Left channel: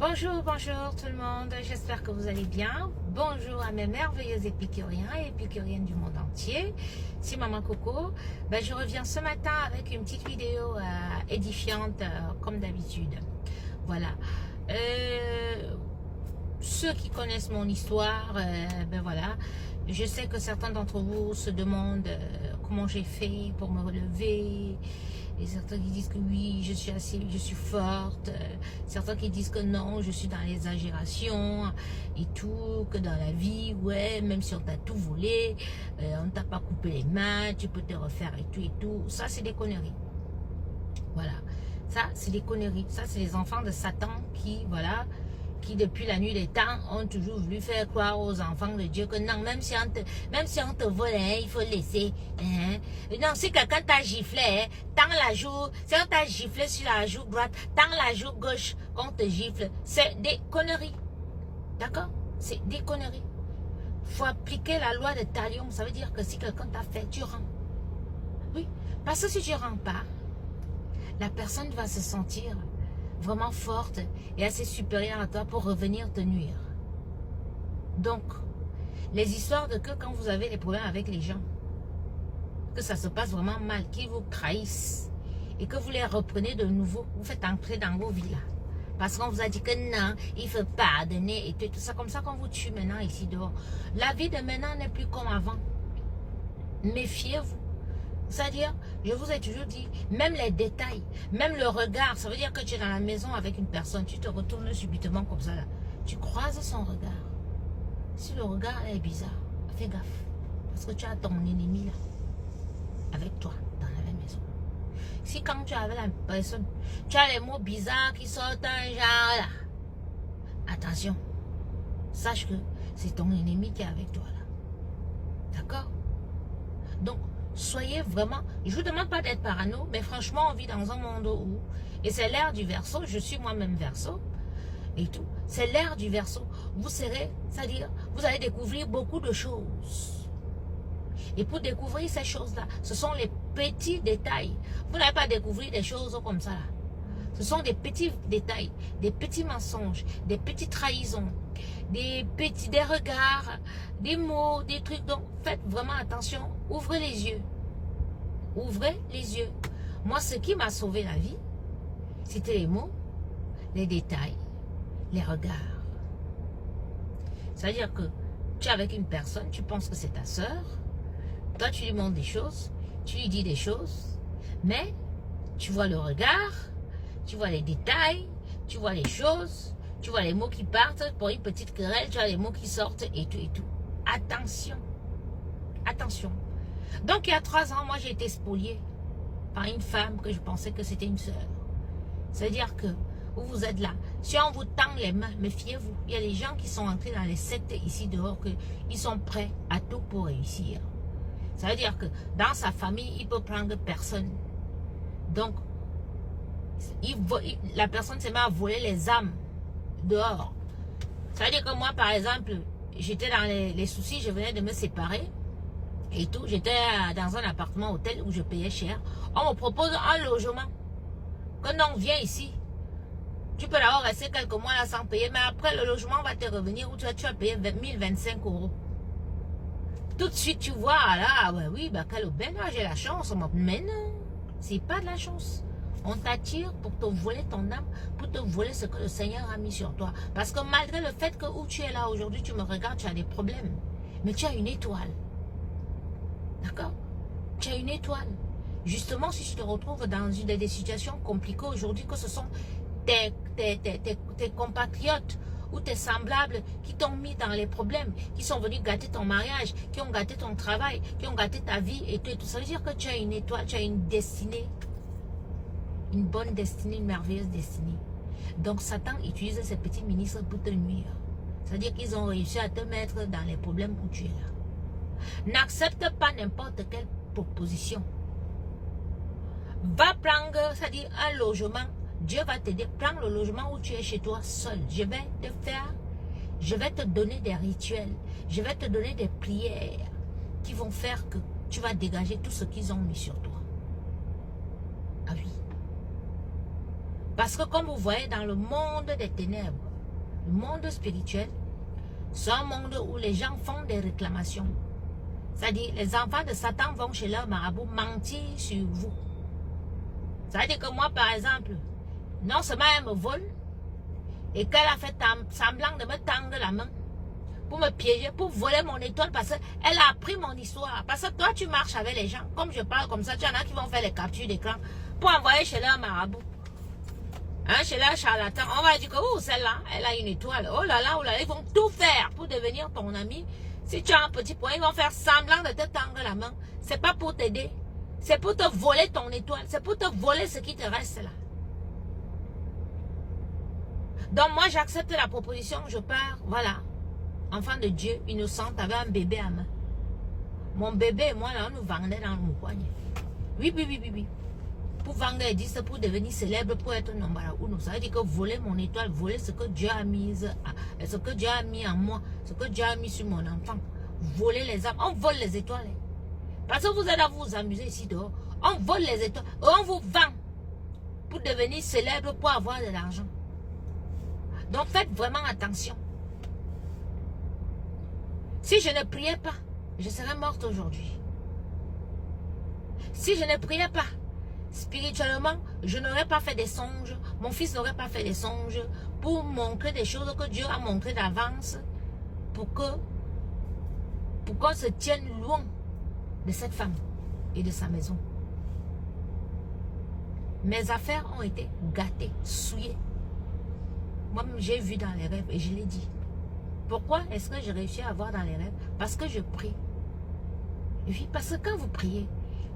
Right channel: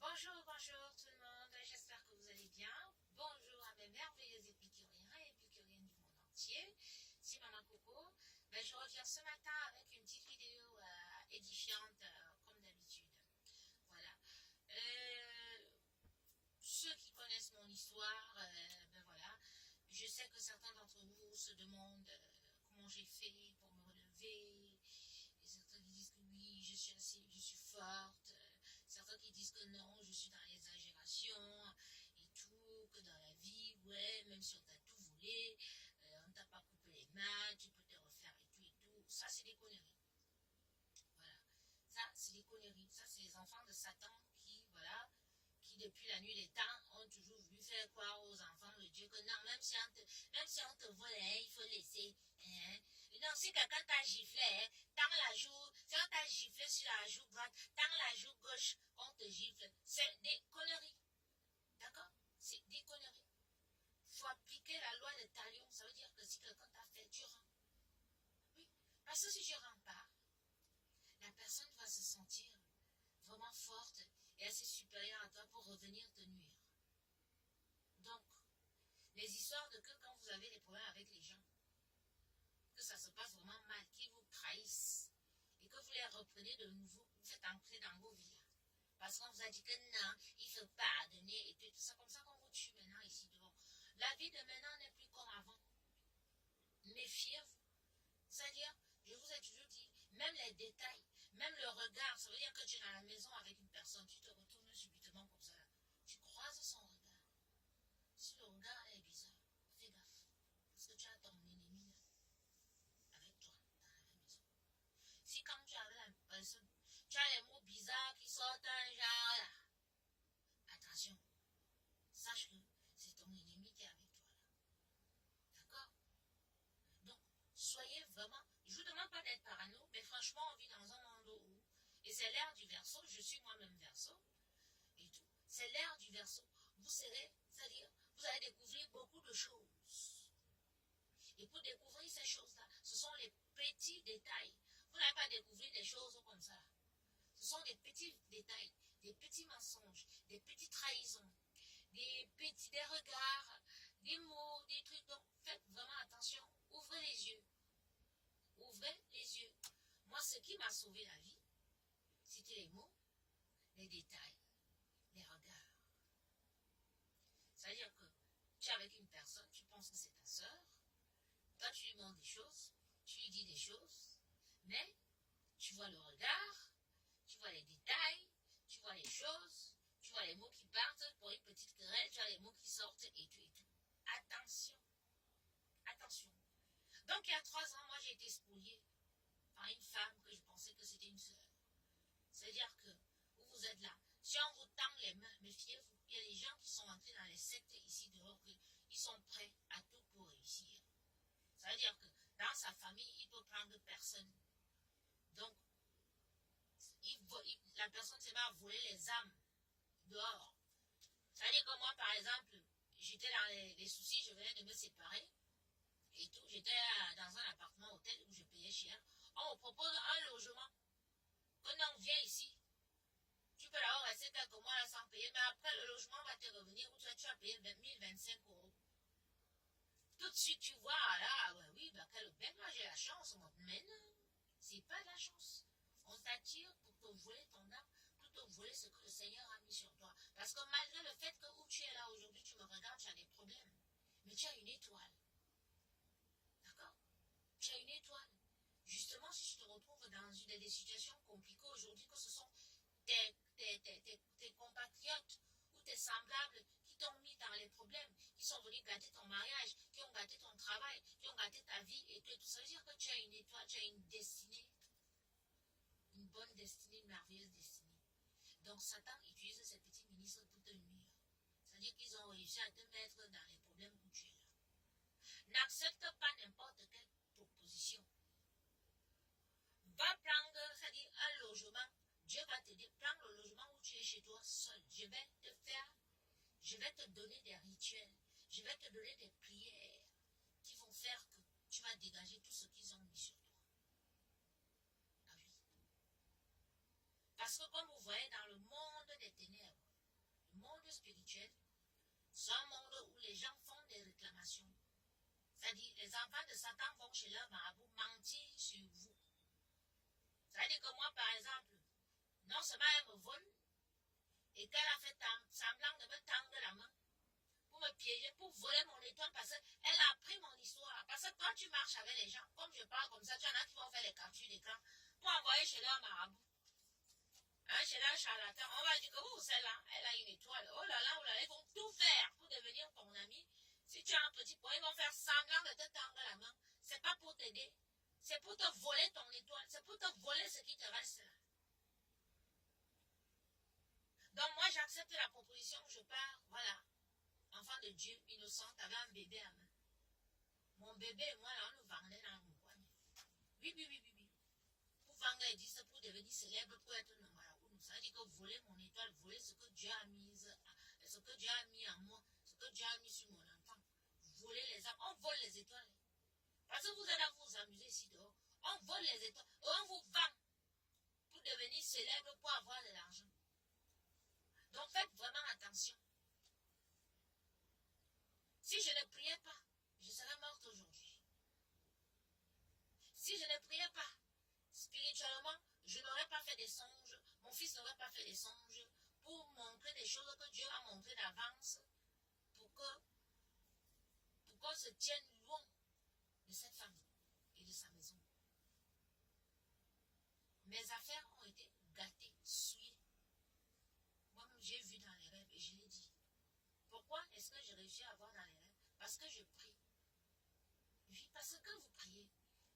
Bonjour tout le monde, j'espère que vous allez bien. Bonjour à mes merveilleux épicuriens et épicuriennes du monde entier. C'est Maman Coco. Je reviens ce matin avec une petite vidéo édifiante comme d'habitude. Voilà. Ceux qui connaissent mon histoire, voilà. Je sais que certains d'entre vous se demandent comment j'ai fait pour me relever. Et certains qui disent que oui, je suis forte. Certains qui disent que non, je suis dans l'exagération et tout, que dans la vie, ouais, même si on t'a tout volé, on t'a pas coupé les mains, tu peux te refaire et tout et tout. Ça, c'est des conneries. Voilà. Ça, c'est des conneries. Ça, c'est les enfants de Satan qui, voilà, qui depuis la nuit des temps ont toujours voulu faire croire aux enfants de Dieu que non, même si on te vole, hein, il faut laisser. Hein. Non, si quelqu'un t'a giflé, hein, tends la joue, si on t'a giflé sur la joue droite, tends la joue gauche qu'on te gifle, c'est des conneries. D'accord? C'est des conneries. Faut appliquer la loi de Talion. Ça veut dire que si quelqu'un t'a fait, tu rends. Oui, parce que si tu rends pas, la personne va se sentir vraiment forte et assez supérieure à toi pour revenir te nuire. Donc, les histoires de que quand vous avez des problèmes avec les gens, que ça se passe vraiment mal, qu'ils vous trahissent et que vous les reprenez de nouveau, vous faites entrer dans vos vies là. Parce qu'on vous a dit que non, il faut pardonner et tout ça, comme ça qu'on vous tue maintenant ici dehors. La vie de maintenant n'est plus comme avant. Méfiez-vous. C'est-à-dire, je vous ai toujours dit, même les détails, même le regard, ça veut dire que tu es dans la maison avec une personne, tu te retournes subitement comme ça, là. Tu croises son regard. Si le regard est bizarre, fais gaffe. Parce que tu as ton ennemi là, avec toi, dans la même maison. Si quand tu es avec la personne, tu as les mots bizarres qui sortent un genre là, attention, sache que c'est ton ennemi qui est avec toi là. D'accord? Donc, soyez vraiment, je vous demande pas d'être parano, mais franchement, on vit dans un monde où, et c'est l'ère du Verseau, je suis moi-même Verseau, et tout, c'est l'ère du Verseau. Vous serez, c'est-à-dire, vous allez découvrir beaucoup de choses. Et pour découvrir ces choses-là, ce sont les petits détails. Vous n'allez pas découvrir des choses comme ça là. Ce sont des petits détails, des petits mensonges, des petites trahisons, des regards, des mots, des trucs. Donc, faites vraiment attention. Ouvrez les yeux. Ouvrez les yeux. Moi, ce qui m'a sauvé la vie, c'était les mots, les détails, les regards. C'est-à-dire que tu es avec une personne, tu penses que c'est ta soeur. Toi, tu lui montres des choses, tu lui dis des choses, mais tu vois le regard, tu vois les détails, tu vois les choses, tu vois les mots qui partent pour une petite querelle, tu vois les mots qui sortent et tout et tout. Attention. Attention. Donc, il y a 3 ans, moi, j'ai été spoliée par une femme que je pensais que c'était une sœur. C'est-à-dire que vous êtes là. Si on vous tend les mains, méfiez-vous. Il y a des gens qui sont entrés dans les sectes ici dehors, ils sont prêts à tout pour réussir. Ça veut dire que dans sa famille, il peut prendre personne. Donc, la personne s'est mise à voler les âmes dehors. Ça veut dire que moi, par exemple, j'étais dans les soucis, je venais de me séparer et tout. J'étais dans un appartement hôtel où je payais cher. On me propose un logement. Que non, viens ici. Tu peux d'abord rester quelques mois là sans payer, mais après le logement va te revenir où tu vas payer 1025 €. Tout de suite, tu vois, là, ouais, oui, quelle aubaine, j'ai la chance. Mais non, c'est pas de la chance. On t'attire pour te voler ton âme, pour te voler ce que le Seigneur a mis sur toi. Parce que malgré le fait que où tu es là aujourd'hui, tu me regardes, tu as des problèmes. Mais tu as une étoile. D'accord? Tu as une étoile. Justement, si tu te retrouves dans des situations compliquées aujourd'hui, que ce sont tes compatriotes ou tes semblables qui t'ont mis dans les problèmes, qui sont venus gâter ton mariage, qui ont gâté ton travail, qui ont gâté ta vie et tout. Ça veut dire que tu as une étoile, tu as une destinée. Une bonne destinée, une merveilleuse destinée. Donc Satan utilise ces petits ministres pour te nuire. C'est-à-dire qu'ils ont réussi à te mettre dans les problèmes où tu es là. N'accepte pas n'importe quelle proposition. Va prendre, c'est-à-dire un logement. Dieu va t'aider. Prends le logement où tu es chez toi seul. Je vais te donner des rituels. Je vais te donner des prières qui vont faire que tu vas dégager tout ce qu'ils ont mis sur toi. Ah oui. Parce que comme vous voyez dans le monde des ténèbres, le monde spirituel, c'est un monde où les gens font des réclamations. C'est-à-dire, les enfants de Satan vont chez leur marabout mentir sur vous. C'est-à-dire que moi, par exemple, non seulement elle me vole, et qu'elle a fait semblant de me tendre la main pour me piéger, pour voler mon étoile, parce qu'elle a appris mon histoire. Parce que toi, tu marches avec les gens, comme je parle comme ça, tu en as qui vont faire les captures d'écran pour envoyer chez leur marabout. Hein, chez leur charlatan, on va dire que oh, celle-là, elle a une étoile. Oh là là, ils vont tout faire pour devenir ton ami. Si tu as un petit point, ils vont faire semblant de te tendre la main. C'est pas pour t'aider. C'est pour te voler ton étoile. C'est pour te voler ce qui te reste là. Donc moi, j'accepte la proposition. Je pars, voilà. Enfant de Dieu, innocente, avec un bébé à main. Mon bébé et moi, là, on nous vendait dans le coin. Oui. Pour vendre des disques, pour devenir célèbre, pour être nombara uno. Ça veut dire que voler mon étoile, voler ce que Dieu a mis, ce que Dieu a mis en moi, ce que Dieu a mis sur mon enfant. Voler les âmes. On vole les étoiles. Parce que vous êtes à vous amuser ici dehors. On vole les étoiles. On vous vend pour devenir célèbre, pour avoir de l'argent. Donc faites vraiment attention. Si je ne priais pas, je serais morte aujourd'hui. Si je ne priais pas, spirituellement, je n'aurais pas fait des songes. Mon fils n'aurait pas fait des songes pour montrer des choses que Dieu a montrées d'avance pour qu'on se tienne loin de cette femme et de sa maison. Mes affaires ont été gâtées, souillées. Moi, j'ai vu dans les rêves et je l'ai dit. Pourquoi est-ce que j'ai réussi à voir dans les rêves? Parce que je prie. Et puis, parce que quand vous priez,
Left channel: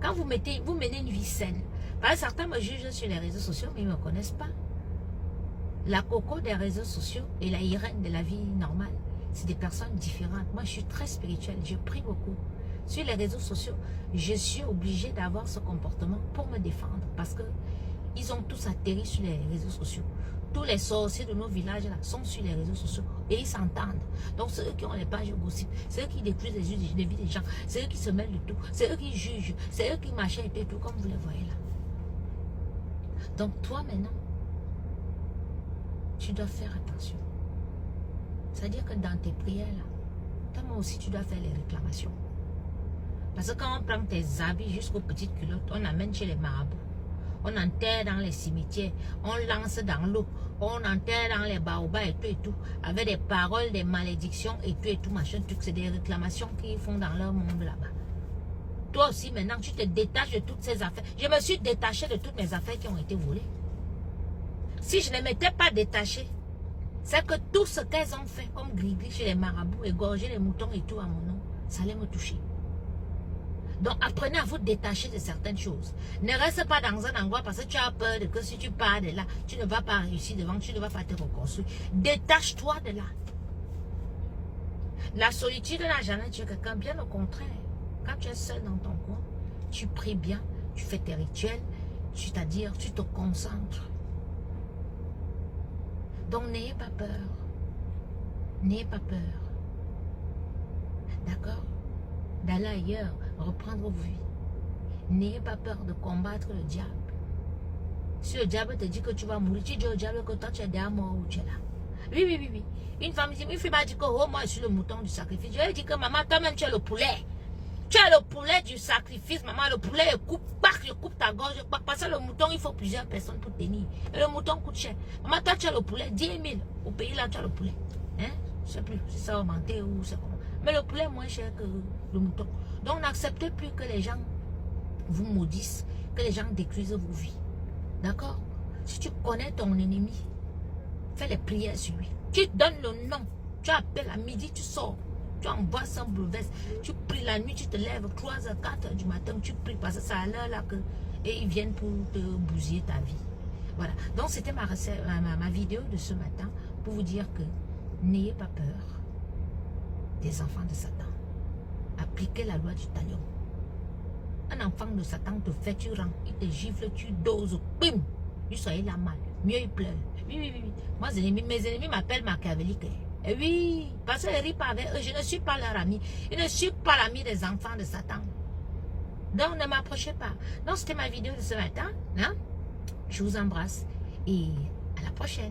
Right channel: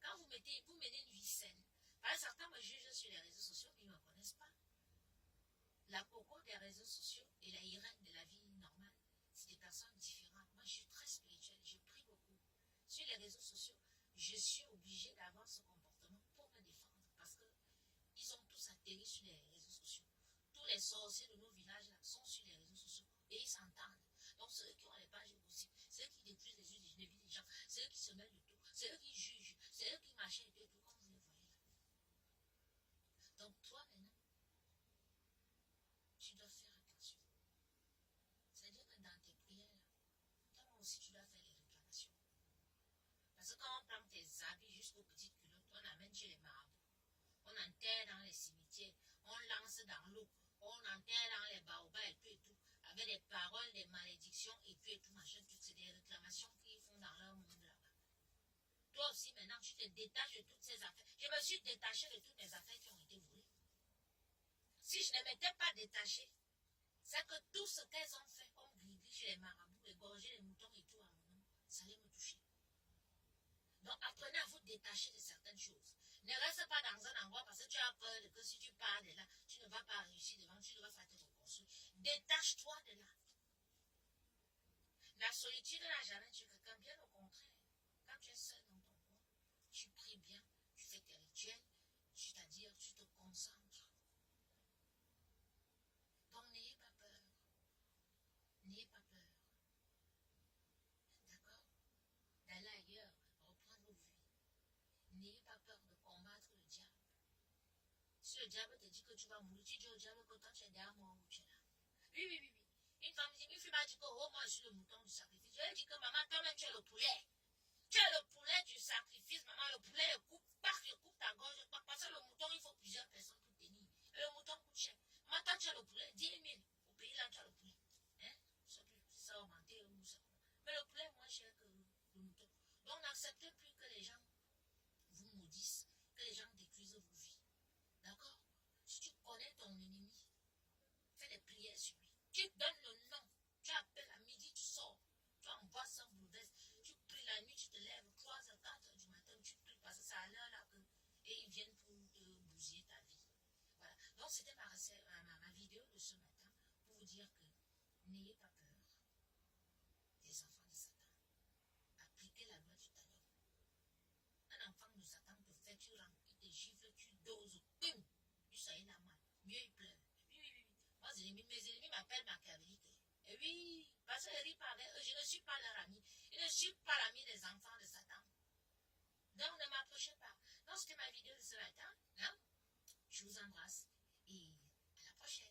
quand vous menez une vie saine, parce que certains me jugent sur les réseaux sociaux, mais ils ne me connaissent pas. La coco des réseaux sociaux et la Irène de la vie normale, c'est des personnes différentes. Moi, je suis très spirituelle, je prie beaucoup. Sur les réseaux sociaux, je suis obligée d'avoir ce comportement pour me défendre parce que ils ont tous atterri sur les réseaux sociaux. Tous les sorciers de nos villages là sont sur les réseaux sociaux et ils s'entendent. Donc c'est eux qui ont les pages gossip, c'est eux qui détruisent les vies des gens, c'est eux qui se mêlent de tout, c'est eux qui jugent, c'est eux qui machin et tout comme vous les voyez là. Donc toi maintenant, tu dois faire attention. C'est-à-dire que dans tes prières là, toi aussi tu dois faire les réclamations. Parce que quand on prend tes habits jusqu'aux petites culottes, on amène chez les marabouts. On enterre dans les cimetières, on lance dans l'eau, on enterre dans les baobabs et tout, avec des paroles, des malédictions et tout, machin, tout. C'est des réclamations qu'ils font dans leur monde là-bas. Toi aussi, maintenant, tu te détaches de toutes ces affaires. Je me suis détachée de toutes mes affaires qui ont été volées. Si je ne m'étais pas détachée, c'est que tout ce qu'elles ont fait, comme gris-gris chez les marabouts, égorger les moutons et tout à mon nom, ça allait me toucher. Donc apprenez à vous détacher de certaines choses. Ne reste pas dans un endroit parce que tu as peur de que si tu pars de là, tu ne vas pas réussir devant, tu ne vas pas te reconstruire. Détache-toi de là. La solitude n'a jamais tué quelqu'un, bien au contraire. Quand tu es seul dans ton coin, tu pries bien, tu fais tes rituels, c'est-à-dire tu te concentres. Donc n'ayez pas peur. N'ayez pas peur. D'accord? D'aller ailleurs, reprendre vos vies. N'ayez pas peur de combattre le diable. Si le diable te dit que tu vas mourir, tu dis au diable que toi tu es déjà mort ou tu es là. Oui. Une fille m'a dit que oh, moi je suis le mouton du sacrifice. Je lui ai dit que maman, toi-même tu es le poulet. Tu es le poulet du sacrifice, maman. Le poulet, je coupe ta gorge. Parce que le mouton, il faut plusieurs personnes pour tenir. Et le mouton coûte cher. Maman, toi tu es le poulet, 10 000. Au pays là, tu as le poulet. Hein? Je ne sais plus si ça a augmenté ou c'est comment. Mais le poulet est moins cher que le mouton. Donc n'acceptez plus que les gens vous maudissent, que les gens détruisent vos vies. D'accord? Si tu connais ton ennemi, fais les prières sur lui. Tu donnes le nom. Tu appelles à midi, tu sors. Tu envoies sans brevet. Tu pries la nuit, tu te lèves 3h, 4h du matin, tu pries parce que c'est à l'heure là que et ils viennent pour te bousiller ta vie. Voilà. Donc c'était ma vidéo de ce matin pour vous dire que n'ayez pas peur des enfants de Satan. Appliquez la loi du talion. Un enfant de Satan te fait, tu rends, il te gifle, tu doses, bim, il soyez là mal, mieux il pleure. Oui. Moi, mes ennemis m'appellent machiavélique. Et oui, parce que je ne ris pas avec eux, je ne suis pas leur ami. Je ne suis pas l'ami des enfants de Satan. Donc, ne m'approchez pas. Donc, c'était ma vidéo de ce matin. Hein? Je vous embrasse. et à la prochaine.